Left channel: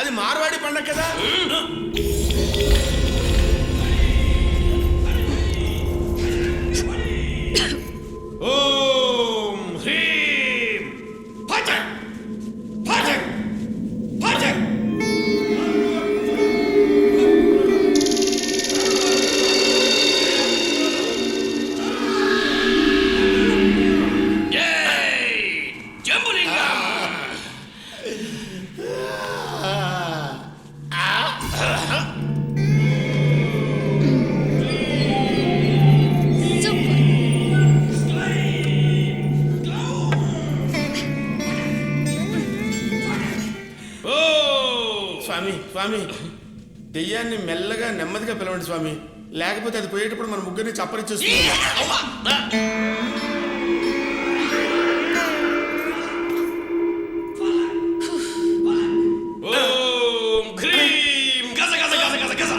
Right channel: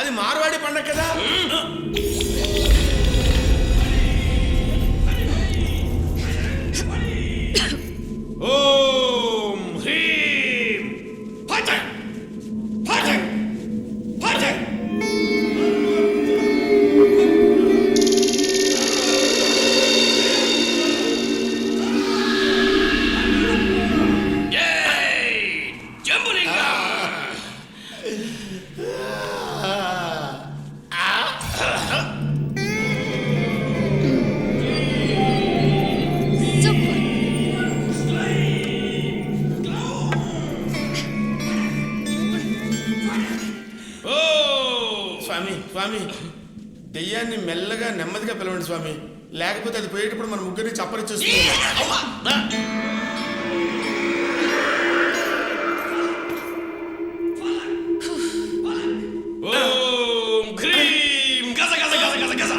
అది మార్వాడి పండగ కదా. ఓం హ్రీం ఫట్ ఫట్ ఫట్. స్వామి స్వామి దెయ్యాన్ని మెల్లగా నెమ్మదిగా పిలవండి స్వామి, లేకపోతే అది పోయేటప్పుడు మన ముగ్గురిని చప్పరిచ్చేస్తుంది. ఓం హ్రీం గజ గజ గజ గజ గజ.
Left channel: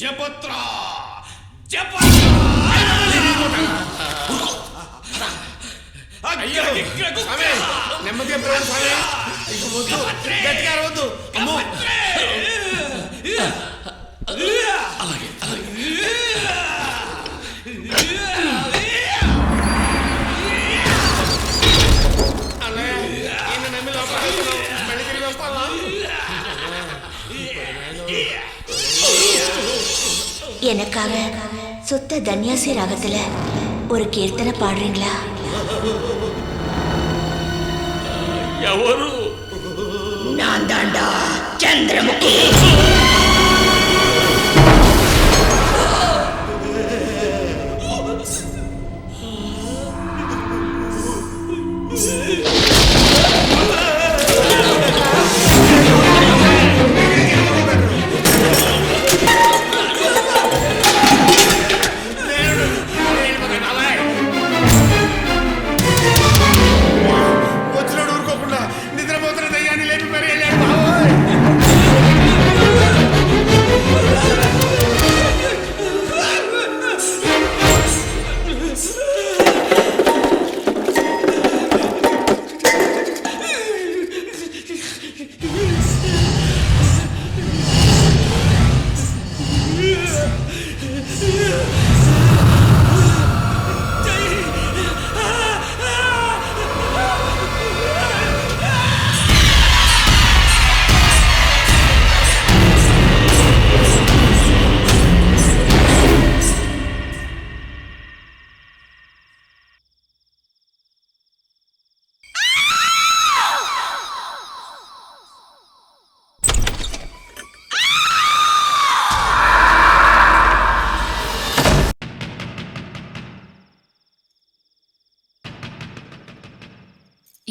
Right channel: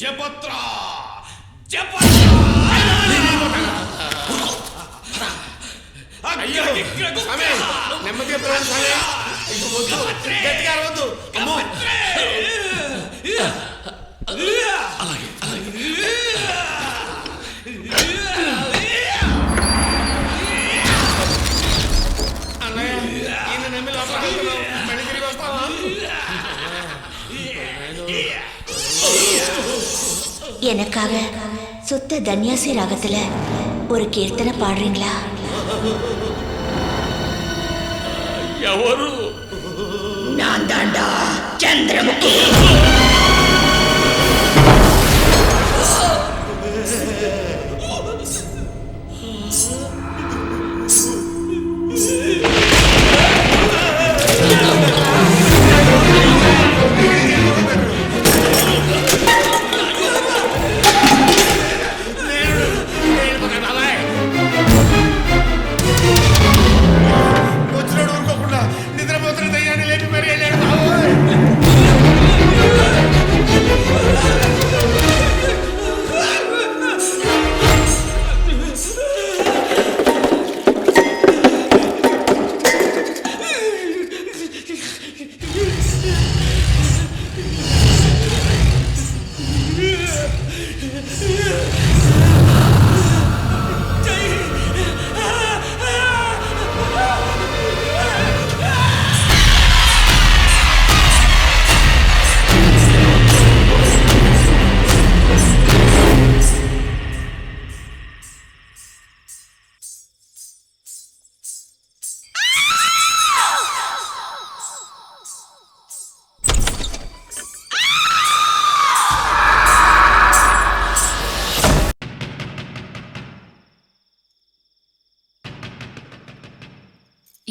జపత్ర జపత్ర. నెమ్మదిగా పిలవండి స్వామి, ఇక వద్దు, గట్టిగా వద్దు. అలాగే అన్నయ్య, ఈయన నమ్మి లోపల మళ్ళీ తిరిగి వస్తావా? எனக்காக சுத்த தன்யாசி ராகத்துல ஒரு கீர்த்தனை பாடுறீங்களா? ఎవరు? நான் தாண்டா சந்திரமுகி. నిద్రపోతున్న దయ్యాన్ని లేపి మరీ వెళ్ళాడు బాబోయ్.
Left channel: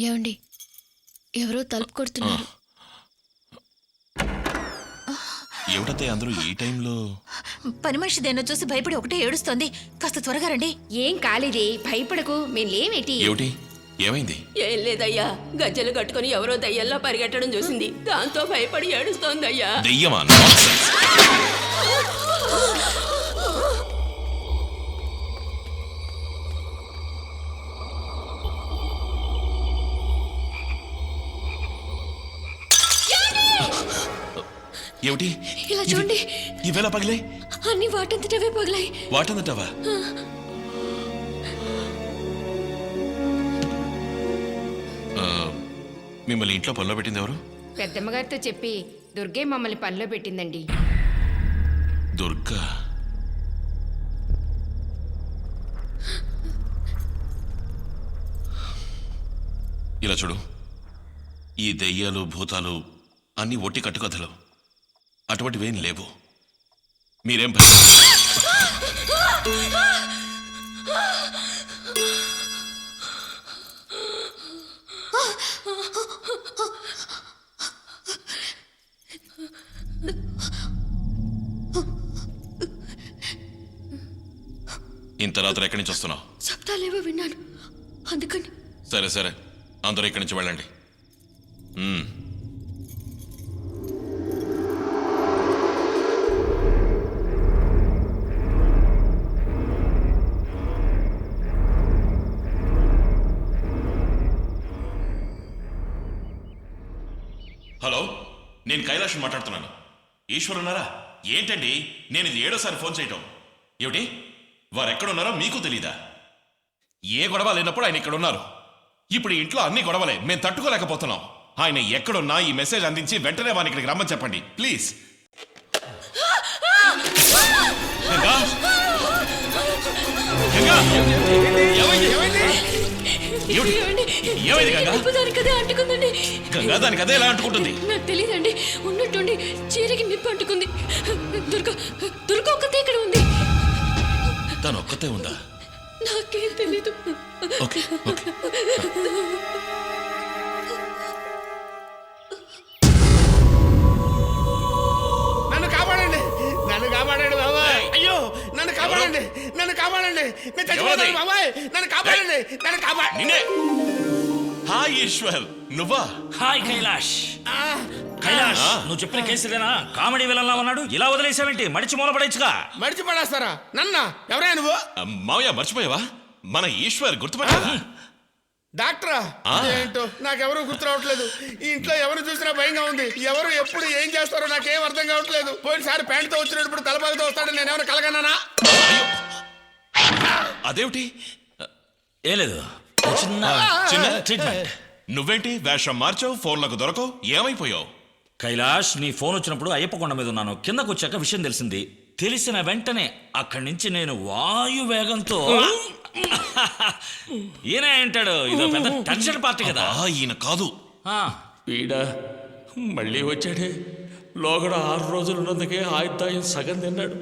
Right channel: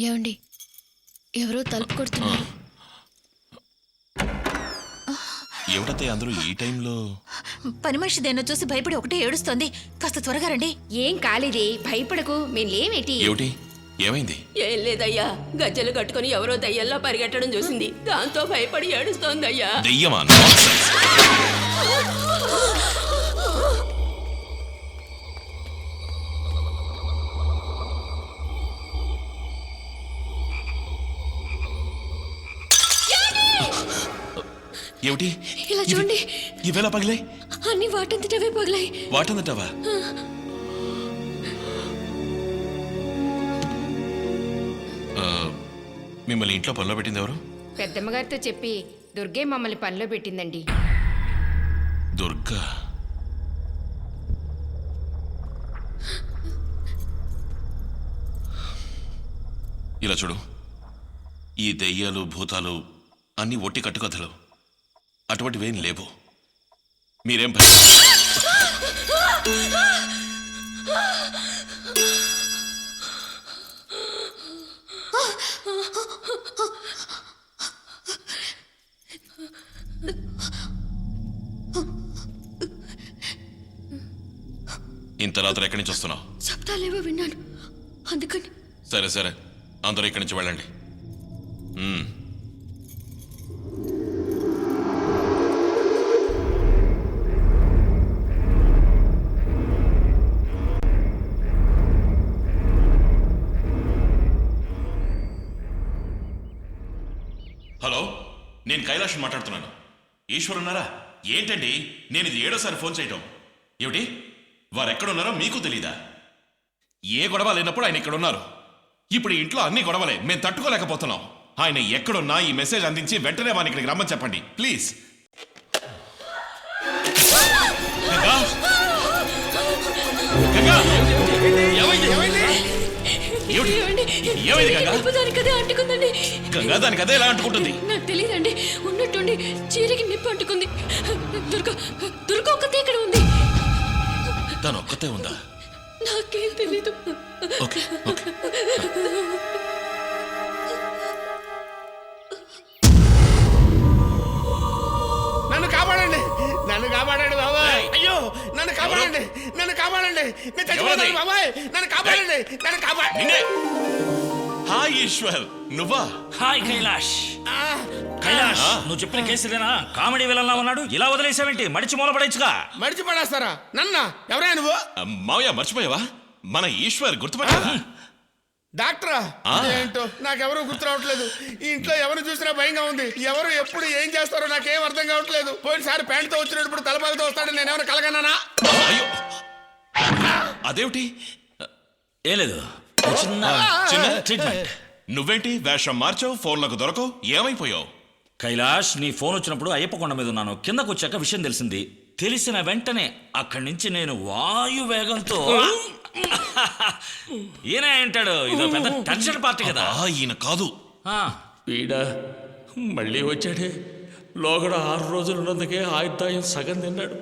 ఏమండి, ఎవరో తలుపు కొడుతున్నారు. ఏమిటతే అందరూ ఈ టైంలో? పని మనిషి దేన్నో చూసి భయపడి ఒకటే ఏడుస్తోంది. కాస్త త్వరగా రండి. ఏం కాలేదే, భయపడకు, మేం లేవేటి. ఏమిటి, ఏమైంది? ఏం లేదయ్యా, గజ్జలు కట్టుకుని ఎవరో దయ్యల్లా పరిగెట్టడం చూసింది, దాంతో భయపడి ఏడుస్తోందయ్యా. దెయ్యమా? నాన్సెన్స్. ఏమిటి ఇలా చూడండి. ఇవేలా పగిలే? అన్ని వాటంతటవే పగలాయి. వాటందటావా? మిమ్మల్ని ఇంట్లో పనిలో పెట్టింది ఎవరు? పెద్దమ్మగారితో చెప్పి దుర్గే మమ్మల్ని పనిలో పెట్టిందండి. దుర్గా. ఇలా చూడు, ఈ దెయ్యాలు భూతాలు అన్నీ ఒట్టి కట్టుకథలు, అటువంటివేం లేవు. మీరేం ఇంత రాత్రి ఎక్కడి నుంచి వస్తున్నావు? శబ్దాలేవో విన్నాను, అందుకని. సరే సరే, అందరూ ఇక్కడి నుంచి వెళ్ళండి. హలో, నేను కైలాష్ మాట్లాడుతున్నాను. ఈశ్వర్ ఉన్నారా? ఏంటండి, నేను ఇది 7వ ఫోన్ చేయటం. ఏమిటి, వారెక్కడున్నారో మీకు తెలీదా? ఏ గొడవ లేనప్పుడు ఆయన ఇక్కడ ఉన్నారు. ఇప్పుడు ఇంట్లో అన్ని గొడవలే, మేము తట్టుకోలేకపోతున్నాం. ఆయన ఎక్కడున్నా ఈ మెసేజ్ అందించి వెంటనే వాని ఇక్కడికి రమ్మని చెప్పండి ప్లీజ్. గంగా, గంగా, ఏమైంది గంగా? దానికి అదే అంటుకుందండి. గంగా, దానికి అదే ఎలా అంటుకుంటుంది? నాకు తెలియదండి, ఉన్నట్టుండి చీరకి నిప్పు అంటుకుంది. దుర్గా, దుర్గా ఒక్కతే ఇక్కడ ఉంది. తను ఒక్కతే ఉందా? నాకేం తెలీదు. Okay okay. నన్ను కాపాడండి, నన్ను కాపాడండి బాబాయ్. అయ్యో, నన్ను కాపాడండి, నన్ను కాపాడండి. నేను చచ్చిపోతాను బాబాయ్, నన్ను కాపాడండి, నన్ను కాపాడండి. నిన్నే. హాయ్ ఈశ్వర్, నువ్వా? హాయ్ కైలాష్. కైలాష్, నువ్వు చెప్పిన కేసులేనా? కామెడీ విలన్లా ఉన్నాడు, ఇలా వదిలేసావేంటి? మడిచి మూలపడేచ్చుగా. మడిచి పడేస్తారా నన్న? ఎవరైనా నువ్వు? మావయ్య, మర్చిపోయావా? మన ఈశ్వర్ గుర్తుపట్టా? డాక్టరా? ఏంటో నాకెవరూ గుర్తు రావట్లేదు. ఈ ఇంట్లో ఎవరు చూసినా భయంగా ఉంది. ఎవరు ఎప్పుడు ఏం చేస్తారో నాకేం అర్థం కావట్లేదు. పోయినసారి ప్యాంటుతో వచ్చినప్పుడు తలపాలతో వస్తాడని నేనేమైనా కలగన్నానా? అయ్యో, అదేమిటి? ఏం లేదు, చిన్న చిన్న ట్రీట్మెంట్. నువ్వేంటి వేషం మార్చావు, ఫోన్లకు దొరకవు, ఏమైపోయావు? కైలాష్, నీ ఫోన్ వచ్చినప్పుడు అయ్యప్ప కొండ మీద ఉన్నాను. కిందకు వచ్చాక విషయం తెలిసింది. తెలిసిన వెంటనే అక్కడి నుంచి నేను వాయు వేగంతో ఈయన ఏంటాడు, ఇదో పెద్ద టెన్షన్ పార్టీ కదా. ఈయన కాదు. వీడా మళ్ళీ వచ్చాడే. లోగడ 6 రోజులు ఉన్నందుకే ఆయుర్దాయం సగం తిన్నాడు.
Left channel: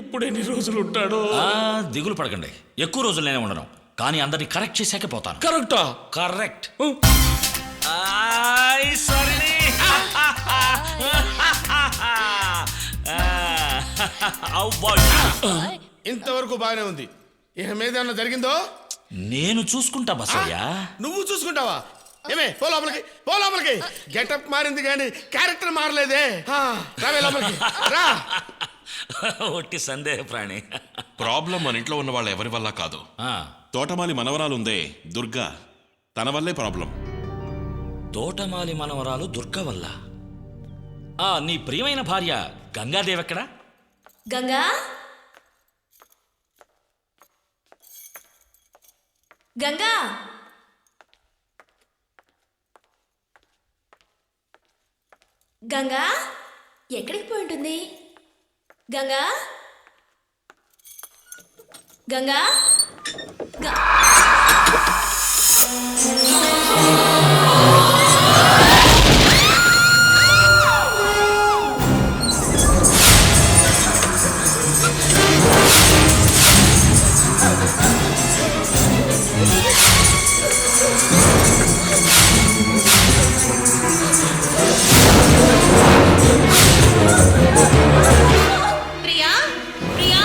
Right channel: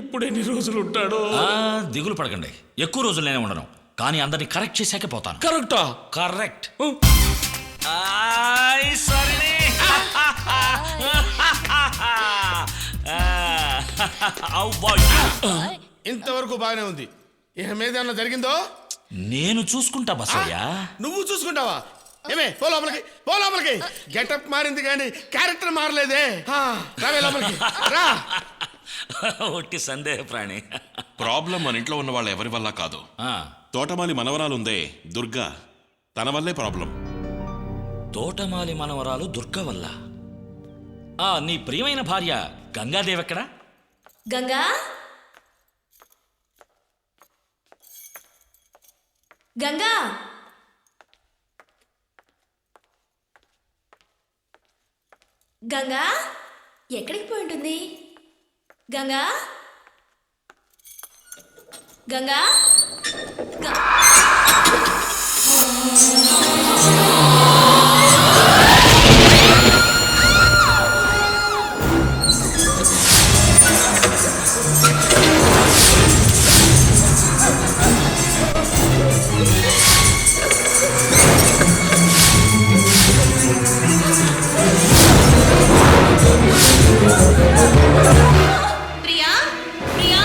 ఇప్పుడు ఎన్ని రోజులు ఉంటాడో? దిగులు పడకండి, ఎక్కువ రోజులు నేనే ఉండను. కానీ అందరినీ కరెక్ట్ చేశాకే పోతాను. కరెక్టా? కరెక్ట్. ఇంతవరకు బాగానే ఉంది. ఇక మీద ఏమన్నా జరిగిందో నేను చూసుకుంటా బసయ్య. నువ్వు చూసుకుంటావా? ఏమే, పో లోపలికి, పో లోపలికి. గెటప్ మారింది కానీ క్యారెక్టర్ మారలేదే. రావే లోపలికి, రా. ఒట్టి సందేహ ప్రాణి. ప్రాబ్లం మన ఇంట్లో ఉన్న వాళ్ళు ఎవరి వల్ల కాదు. తోటమాలి మనవరాలుందే దుర్గా, తన వల్లే ప్రాబ్లం. తోటమాలి మనవరాలు దుర్గా వల్ల? నీ ప్రియమైన భార్య గంగాదేవి ఎక్కడా? గంగా, గంగా, గంగా ఎక్కడికి పోయి ఉంటుంది? గంగా, గంగా, ప్రియా, ప్రియా.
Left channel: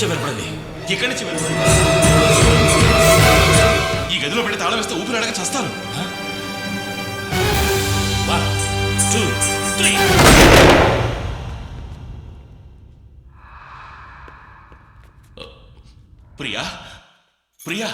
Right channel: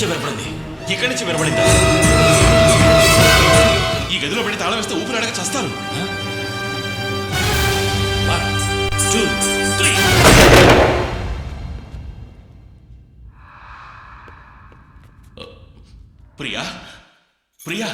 నుంచే వినపడింది. ఇక్కడి నుంచి వినపడింది. ఈ గదిలో పెట్టి తాళం వేస్తే ఊపిరి అడగ చస్తాను. 1 2 3. ప్రియా ప్రియా